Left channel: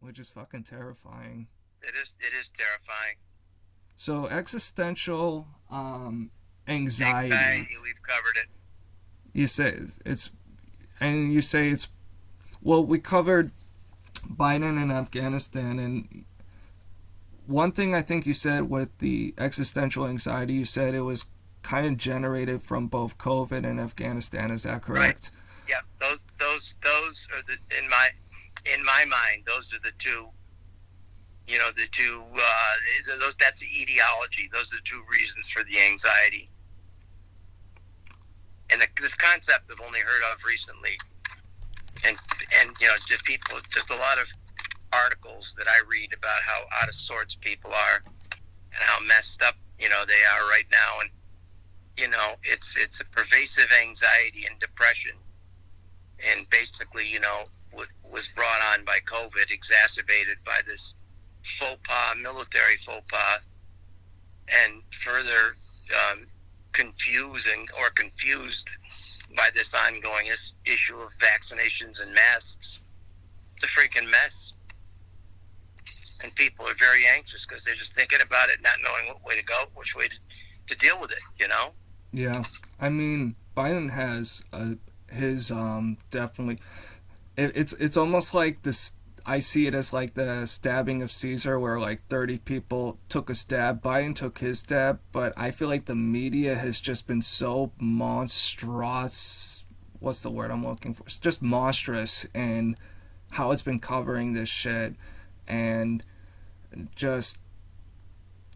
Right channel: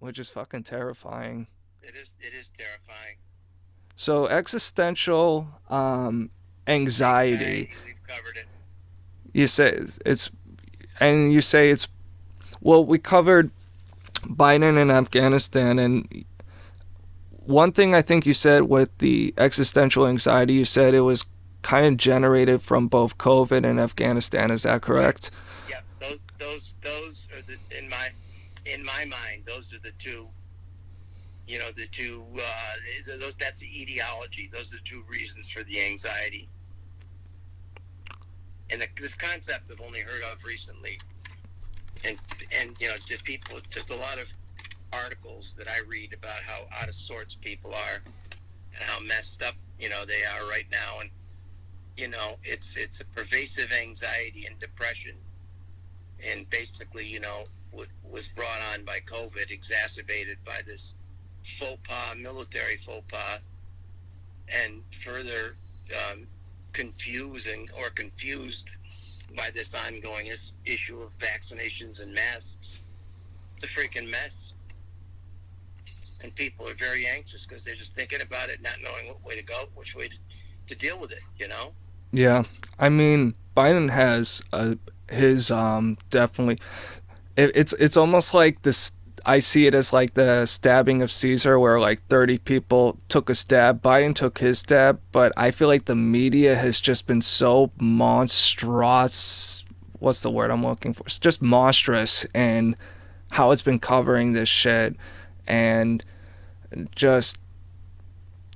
which is fucking terrifying. It is terrifying. So existential anxiety. Anxiety, we've covered it. You say it's, and you say it's, well, we covered Biden and Afghanistan, and one thing I think you said with the existential anxiety, you said it was kind of generated from both COVID and Afghanistan. Is that Right. correct? Yeah. Those are the in my mind. Those are the two. You know, the two. Those. That's the etiology. Those are the two reasons for the anxiety. And this concept I've only heard of recently. And just people, just a lot of articles that I read about how out of sorts people are and how messed up they are right now. And it's a pervasive anxiety and depression, and basically was brought on by COVID, exacerbated by this faux pas, military faux pas, and further confused by this ongoing issue of vaccinations and masks. It's a freaking mess. And people are very anxious because they're just thinking about it, not knowing what way to go, which way to deal with it. Yeah. I mean, Biden has his definitely. It's almost like this. I see it as like the stabbing of Caesar, where like 30 people took a stab. Biden took his stab, but I feel like the media has just been so monstrous. What's the word I'm looking for? It's just monstrous, and how it's been covering this shit, and just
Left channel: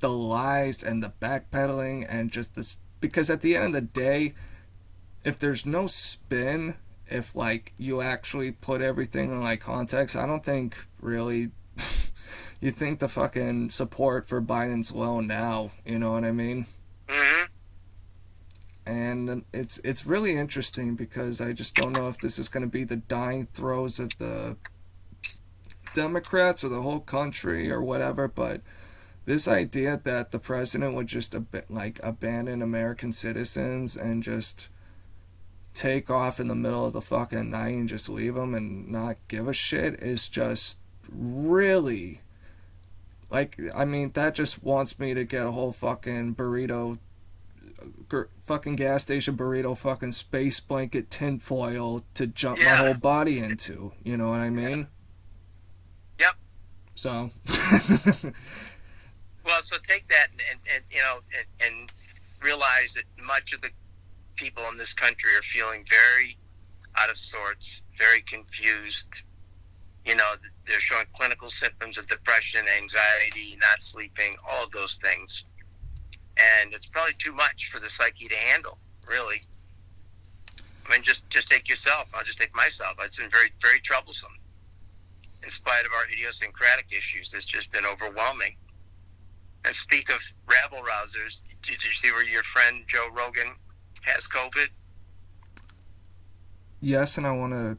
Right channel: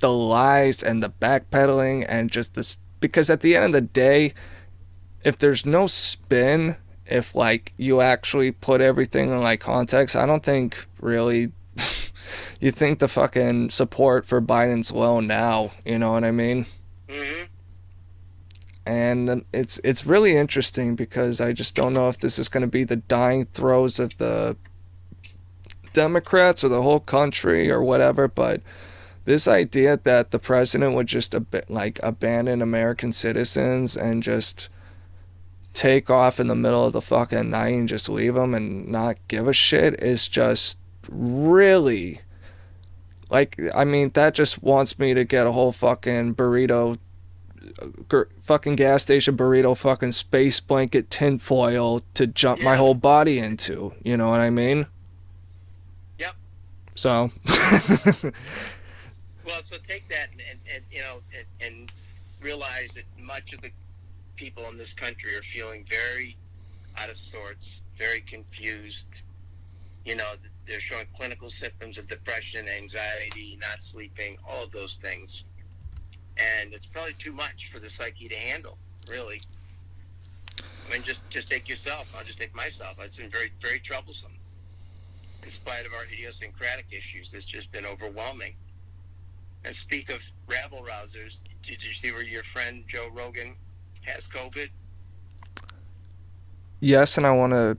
the lies and the backpedaling and just this. Because at the end of the day, if there's no spin, if like you actually put everything in like context, I don't think really you think the fucking support for Biden's low now, you know what I mean? Mm-hmm. And it's really interesting because I just don't know if this is going to be the dying throes of the Democrats or the whole country or whatever, but this idea that the president would just like abandon American citizens and just take off in the middle of the fucking night and just leave them and not give a shit is just really, like, I mean, that just wants me to get a whole fucking burrito, fucking gas station burrito, fucking space blanket tinfoil to jump my Yeah. whole body into, you know what I mean? Yep. So Well, so take that and realize that much of the people in this country are feeling very out of sorts, very confused. They're showing clinical symptoms of depression, anxiety, not sleeping, all of those things. And it's probably too much for the psyche to handle, really. I mean, just take yourself. I'll just take myself. It's been very, very troublesome. In spite of our idiosyncratic issues, it's just been overwhelming. And speak of rabble rousers, did you see where your friend Joe Rogan has COVID? yes, and I want to.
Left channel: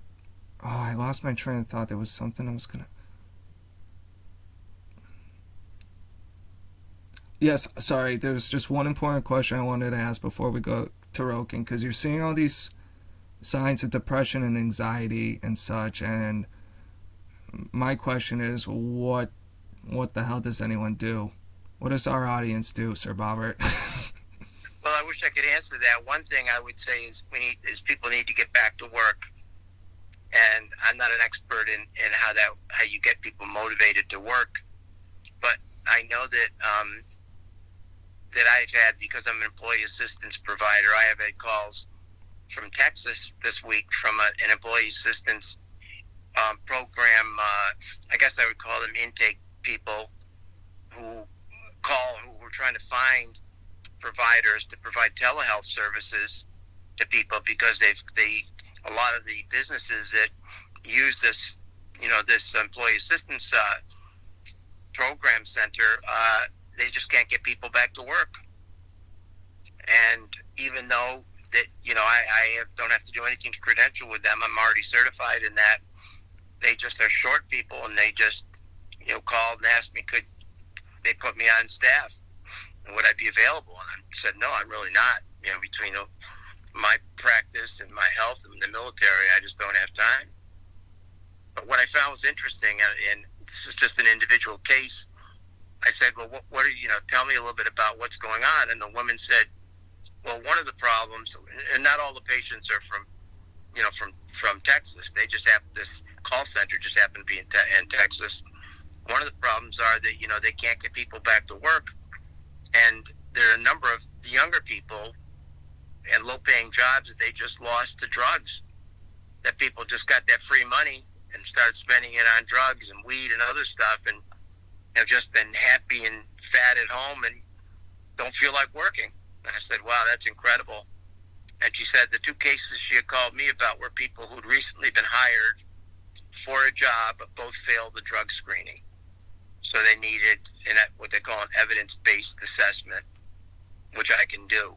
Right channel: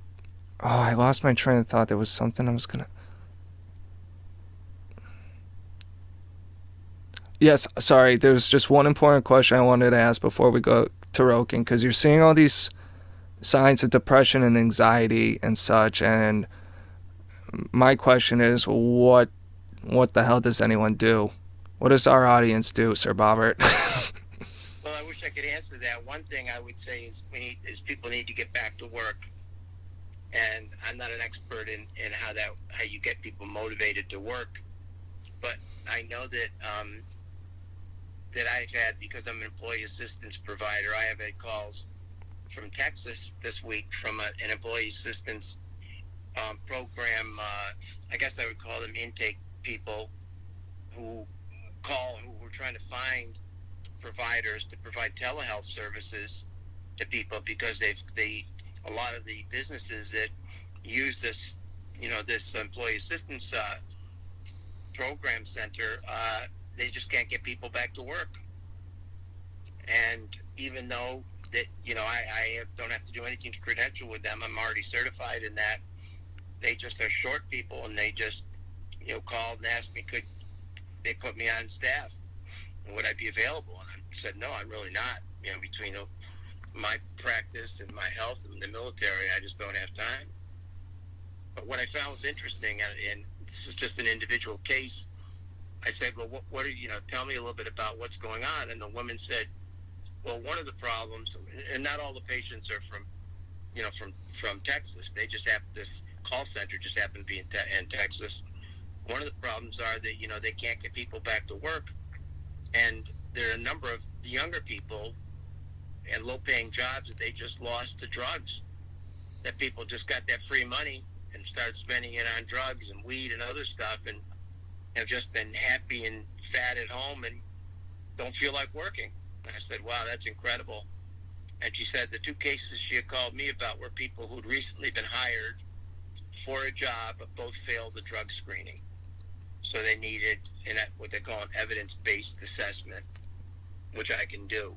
Oh, I lost my train of thought. There was something I was gonna. Yes, sorry. There's just one important question I wanted to ask before we go to Rogan, because you're seeing all these signs of depression and anxiety and such, and my question is, what the hell does anyone do? What does our audience do, Sir Bobbert? Well, I wish I could answer that. One thing I would say is people need to get back to work. And I'm not an expert in how you get people motivated to work, but I know that I've had, because I'm an employee assistance provider, I have had calls from Texas this week from an employee assistance program. I guess I would call them intake people who were trying to find providers to provide telehealth services to people, because a lot of the businesses that use this employee assistance program center, they just can't get people back to work. And even though that I don't have to do anything to credential with them, I'm already certified in that. They just are short people, and they just called and asked me, could they put me on staff, and would I be available? And I said, no, I'm really not. Between my practice and my health and the military, I just don't have time. But what I found was interesting, and this is just an individual case. I said, well, what are tell me a little bit about what's going on. And the woman said, well, one of the problems, and not all the patients are from Texas. They just have, this call center just happened to be in Texas. One of the problems are that, they can't get people back to work. And there are a number of the younger people and low-paying jobs that they just lost to drugs, that people just got that free money and started spending it on drugs and weed and other stuff, and have just been happy and fat at home and don't feel like working. And I said, wow, that's incredible. And she said the 2 cases she had called me about were people who'd recently been hired for a job but both failed the drug screening. So they needed what they call an evidence-based assessment, which I can do.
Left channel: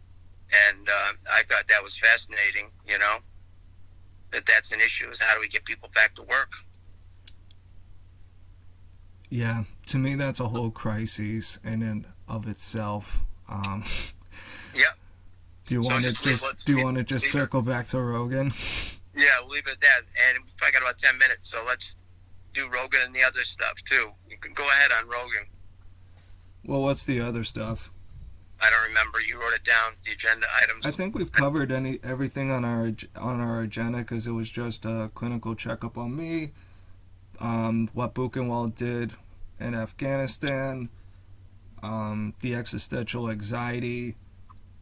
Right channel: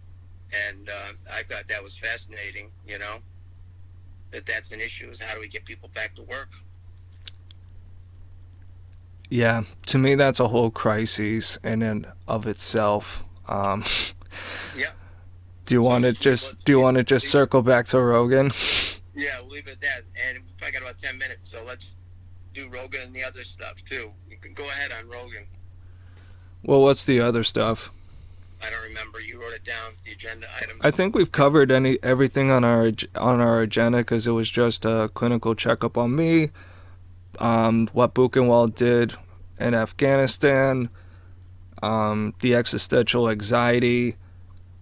And I thought that was fascinating, that's an issue, is how do we get people back to work? Yeah, to me that's a whole crisis in and of itself. Yeah. Do you want to just circle back to Rogan? Yeah, we'll leave it at that. And I got about 10 minutes, so let's do Rogan and the other stuff too. You can go ahead on Rogan. Well, what's the other stuff? I don't remember. You wrote it doan, the agenda items. I think we've covered everything on our agenda, because it was just a clinical checkup on me, what Buchenwald did in Afghanistan, the existential anxiety,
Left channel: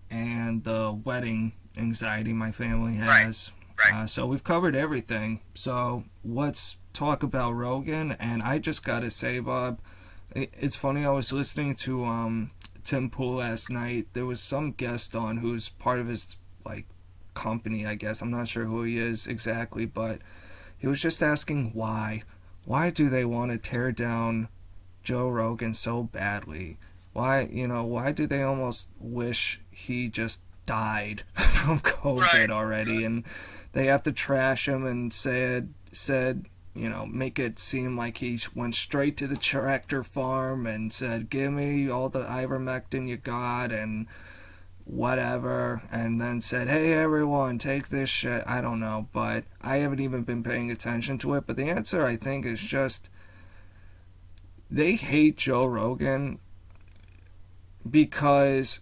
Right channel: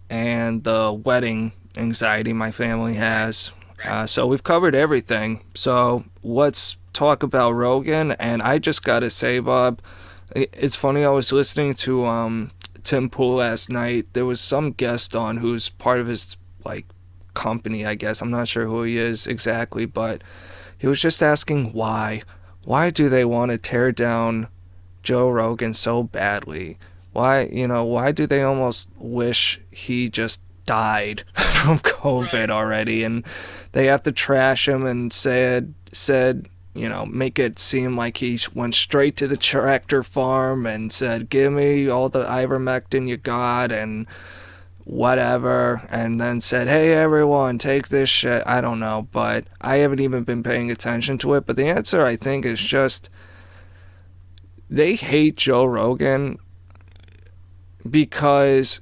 and the wedding anxiety my family has. Right. So we've covered everything. So let's talk about Rogan. And I just gotta say, Bob, it's funny, I was listening to Tim Pool last night. There was some guest on who's part of his company, I guess. I'm not sure who he is exactly, but he was just asking why do they want to tear down Joe Rogan so badly? Why do they almost wish he just died from COVID already? And they have to trash him and said, make it seem like he went straight to the tractor farm and said, give me all the ivermectin you got and whatever, and then said, hey everyone, take this shit. I don't know, but I haven't even been paying attention to it. But the answer, I think, is just they hate Joe Rogan because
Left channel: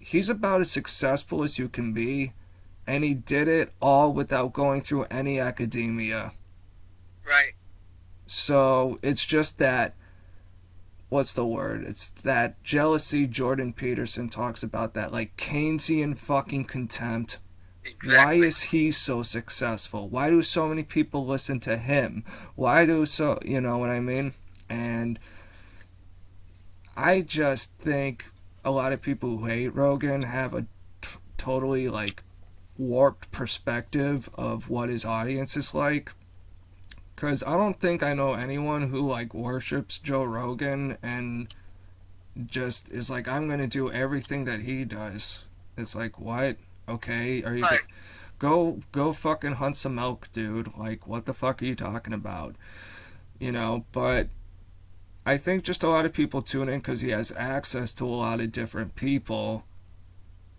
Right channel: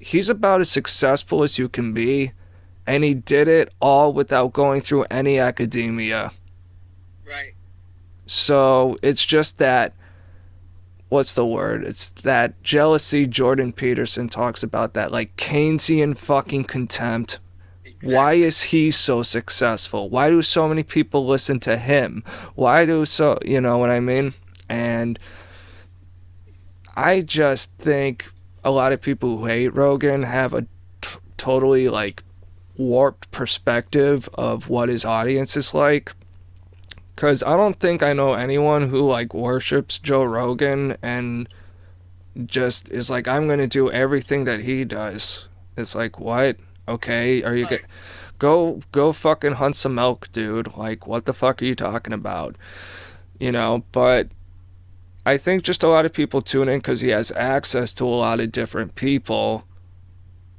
he's about as successful as you can be, and he did it all without going through any academia. Right. So it's just that, what's the word? It's that jealousy Jordan Peterson talks about, that Keynesian fucking contempt. Exactly. Why is he so successful? Why do so many people listen to him? You know what I mean? And I just think a lot of people who hate Rogan have a totally warped perspective of what his audience is like. Because I don't think I know anyone who worships Joe Rogan and just is I'm going to do everything that he does. It's what? Okay, are you go fucking hunt some elk, dude. What the fuck are you talking about? But I think just a lot of people tune in because he has access to a lot of different people,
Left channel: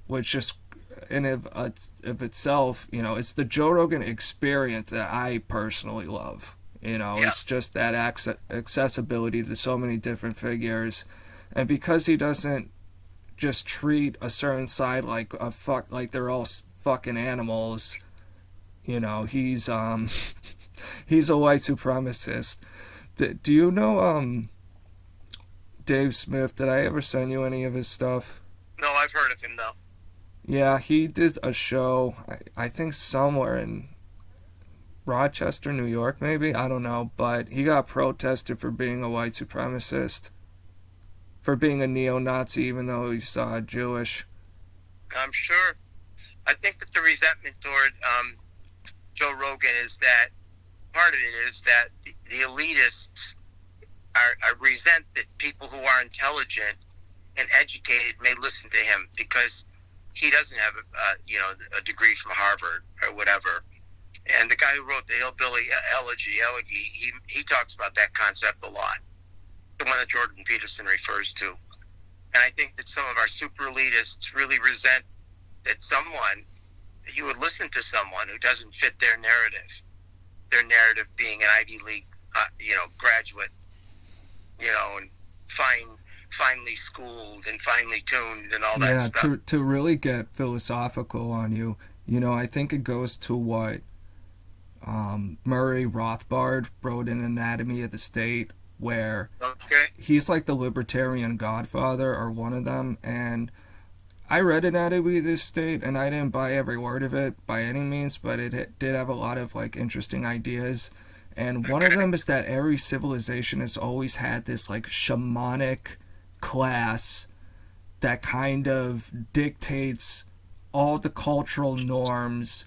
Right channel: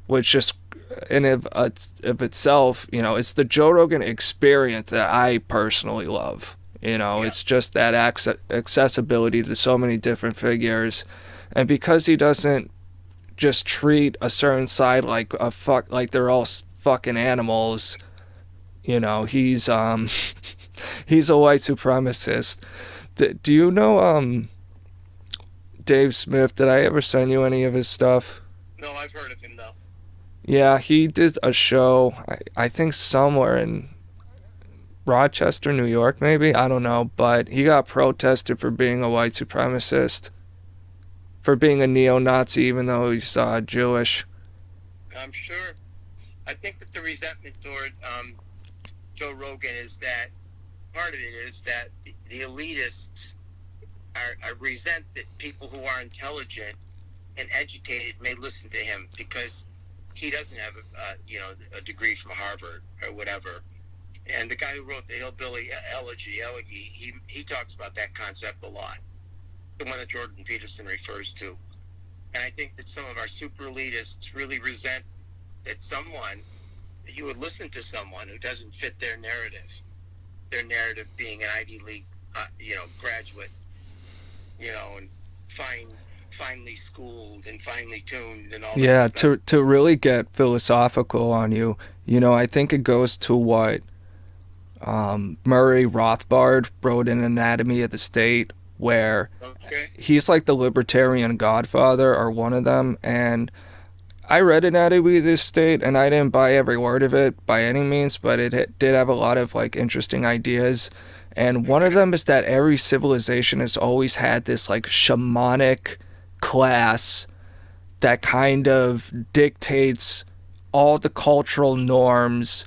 which just in of itself, it's the Joe Rogan experience that I personally love. Yeah. It's just that accessibility to so many different figures, and because he doesn't just treat a certain side like they're all fucking animals. He's he's a white supremacist. Do you know Dave Smith? Did I ever send you any of his stuff? No, I've heard of him though. Yeah, he did a show, I think somewhere in Rochester, New York, maybe? I don't know, but he got protested for being a white supremacist, for being a neo-Nazi, even though he's Jewish. I'm sure. I think that the resentment toward Joe Rogan is that, part of it is that the elitists are resent that people who are intelligent and educated may listen to him because he doesn't have a degree from Harvard or whatever. And the guy who wrote the Hillbilly Elegy, he talks about that concept a lot, the one that Jordan Peterson refers to. And I think that some of our super elitists really resent that you would listen to someone who doesn't fit their narrative being an Ivy League graduate and finely schooled and finely tuned and all that Yeah, stuff. to really get philosophical on you, I think it goes to what Murray Rothbard wrote in Anatomy of the State, where Okay. he's like the libertarian godfather or one of them. And I read Anatomy of the State, and I didn't buy every word of it by any means, but it did have a lot of like interesting ideas. And one of Okay. them is that every civilization has always had this like shamanic class that kind of dictates all the cultural norms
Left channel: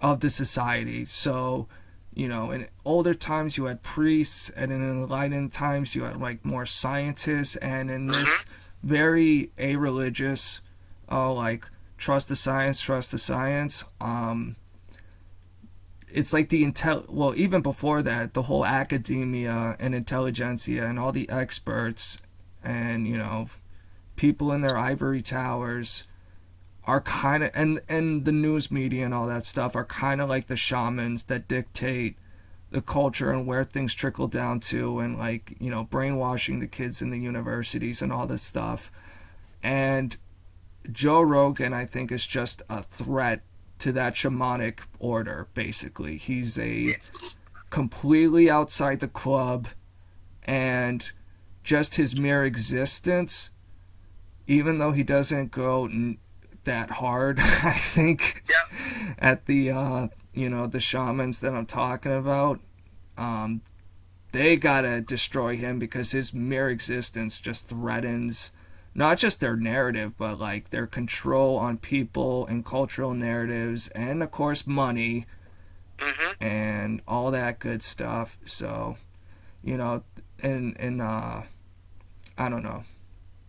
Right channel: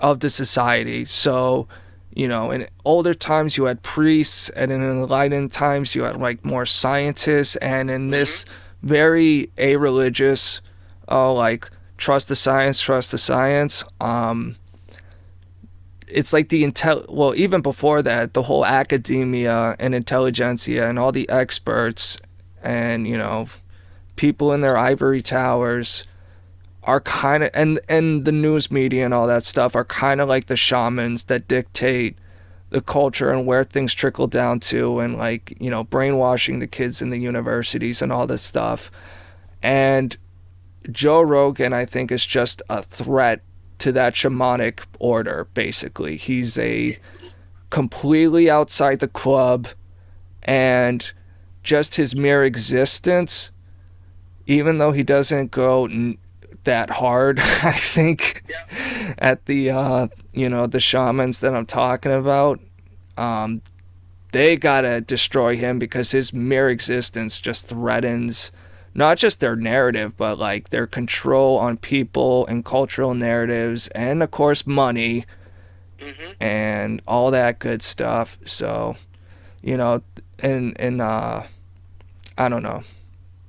of the society. So, in older times you had priests, and in enlightened times you had like more scientists, and in this Mm-hmm. very a-religious, like trust the science. It's like well, even before that, the whole academia and intelligentsia and all the experts and people in their ivory towers are kind of, and the news media and all that stuff are kind of like the shamans that dictate the culture and where things trickle down to, and like brainwashing the kids in the universities and all this stuff. And Joe Rogan, I think, is just a threat to that shamanic order. Basically, he's a completely outside the club, and just his mere existence, even though he doesn't go that hard, I think, Yeah. at the the shamans that I'm talking about, um, they gotta destroy him, because his mere existence just threatens not just their narrative, but like their control on people and cultural narratives, and of course money Mm-hmm. and all that good stuff. So, you know, and I don't know,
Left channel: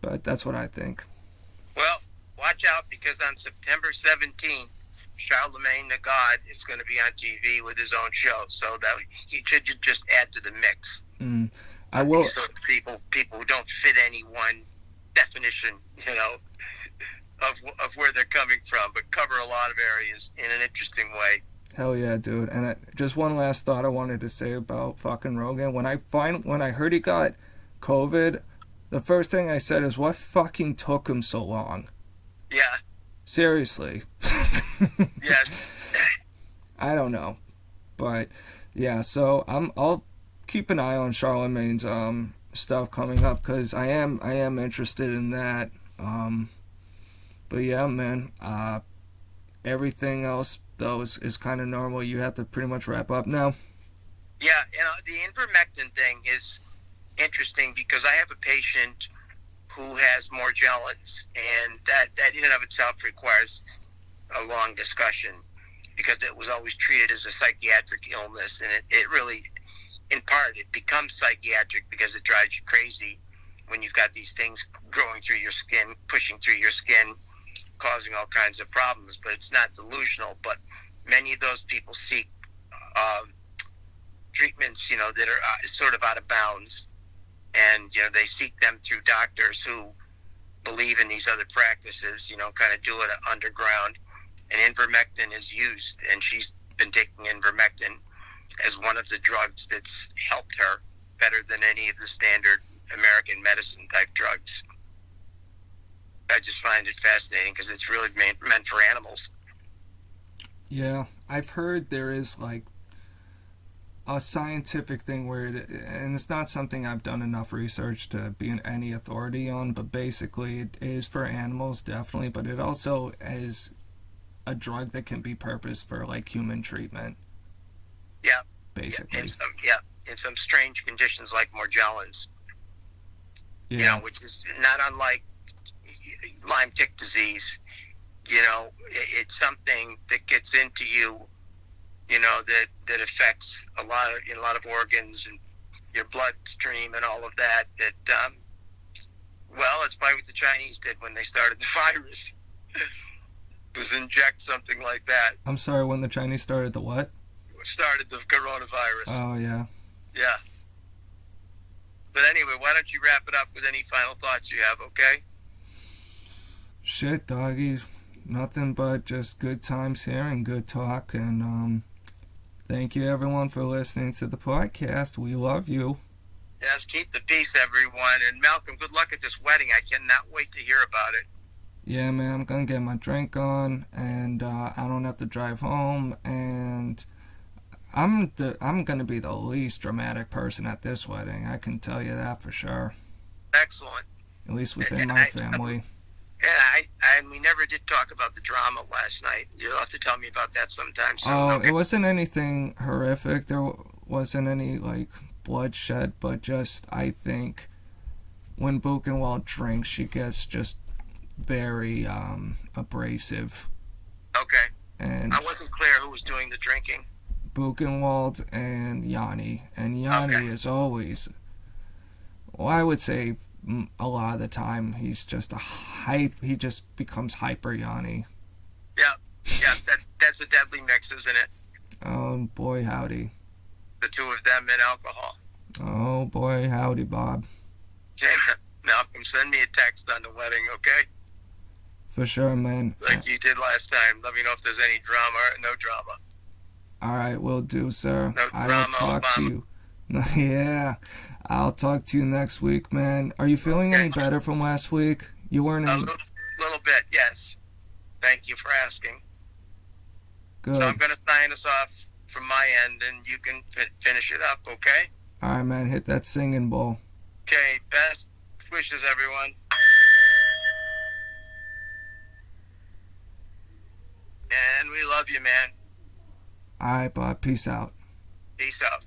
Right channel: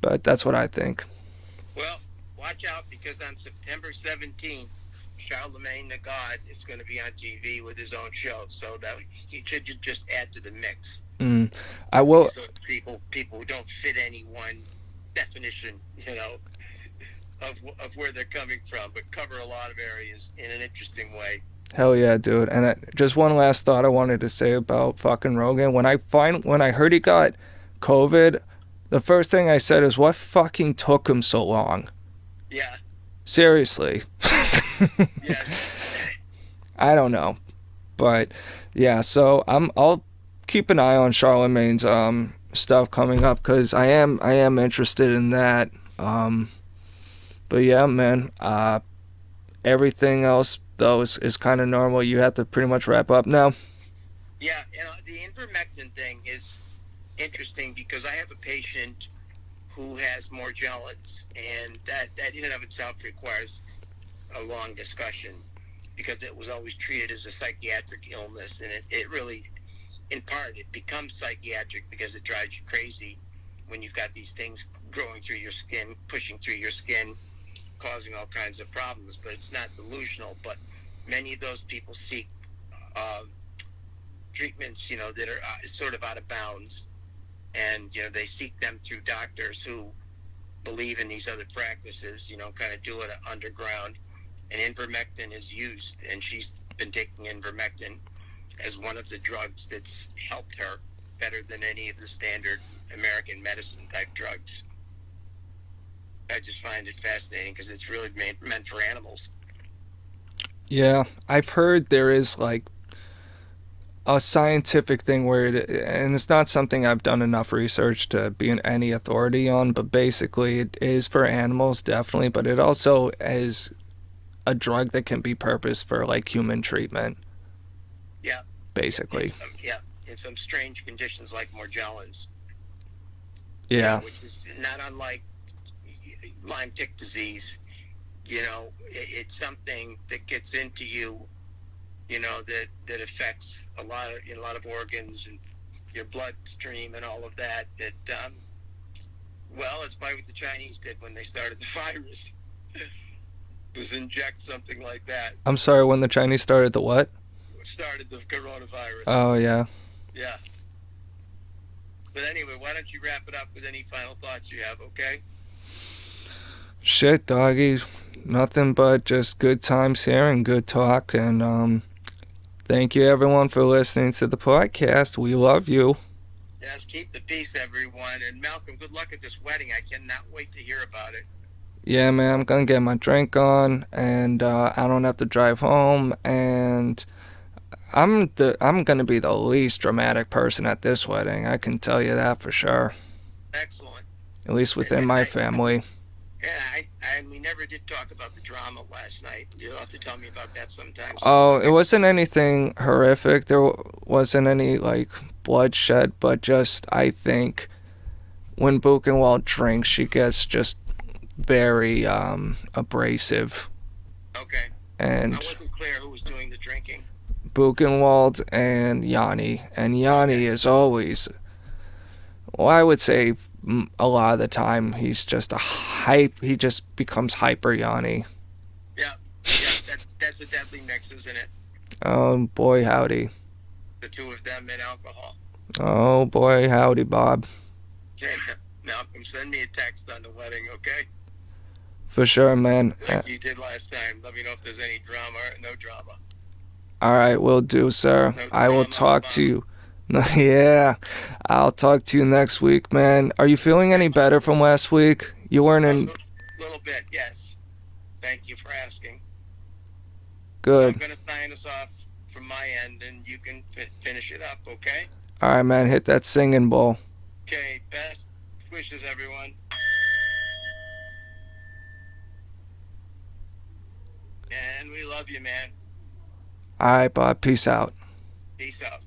but that's what I think. Well, watch out because on September 17th, Charlamagne Tha God is going to be on TV with his own show. So that he should just add to the mix. Mm. I Of will. these sort of people who don't fit any one definition, of where they're coming from, but cover a lot of areas in an interesting way. Hell yeah, dude. And just one last thought I wanted to say about fucking Rogan. When I heard he got COVID, the first thing I said is, what fucking took him so long? Yeah. Seriously. Yes. I don't know, but yeah. So I'll keep an eye on Charlemagne's stuff coming up, because I am interested in that. But yeah, man. Everything else though is kind of normal. You have to pretty much wrap up now. Yeah. The ivermectin thing is interesting because I have a patient who has Morgellons, and that in and of itself requires a long discussion because it was always treated as a psychiatric illness, and it really, in part, it becomes psychiatric because it drives you crazy when you've got these things growing through your skin, pushing through your skin, causing all kinds of problems. But it's not delusional. But many of those people seek uh, treatments, that are sort of out of bounds, and they seek them through doctors who believe in these other practices, kind of do it underground. And ivermectin is used, and she's been taking ivermectin as one of the drugs that's helped her better than any of the standard American medicine type drugs. I just find it fascinating because it's really meant for animals. Yeah, I've heard there is like a scientific thing where and it's not something I've done enough research to be any authority on, but basically it is for animals, definitely, but it also is a drug that can be purposed for like human treatment, Yeah, basically. in some strange conditions like Morgellons, Yeah. which is not unlike Lyme tick disease. It's something that gets into you, that affects a lot of organs and your bloodstream and all of that. Well, it's probably what the Chinese did when they started the virus. Was inject something like that. I'm sorry, when the Chinese started the what? Started the coronavirus. Oh, yeah. Yeah. But anyway, why don't you wrap it up with any final thoughts you have, okay? Shit, doggy. Nothing but just good times here and good talk. And thank you, everyone, for listening to the podcast. We love you. Yes, keep the peace, everyone. And Malcolm, good luck at this wedding. I cannot wait to hear about it. Yeah, man, I'm gonna get my drink on, and I don't have to drive home, and I'm gonna be the least dramatic person at this wedding. I can tell you that for sure. Excellent. At least And, within and my I, family. yeah, we never did talk about the drama last night. You'll have to tell me about that sometime soon. Oh, it Okay. wasn't anything horrific. There wasn't any like bloodshed, but just I think when Buchenwald drinks, she gets just very abrasive, Okay. I and wasn't clear who was doing the drinking. Buchenwald and Yanni, and Yanni Okay. is always, well, I would say a lot of the time he's just a hype. He just becomes hyper Yanni. Yeah. Yeah. That's a deadly mix, isn't it? Oh boy, howdy. The two of them and alcohol. Oh boy, howdy, Bob. Okay. Malcolm, send me a text on the wedding, okay? For sure, man. Like you did last time. Let me know if there's any drama or no drama. All right, will do, sir. No I will drama, talk to Obama. you. Yeah, I'll talk to you next week, man. Are you feeling any Okay. better from last week? You weren't A in. little bit, yes. Thank you for asking. So I'm Good. going to sign us off from my end, and you can finish it up, okay? All right, man. Hit that singing bowl. Okay, best wishes, everyone. And we love you, man. All right, Bob. Peace out. Peace out.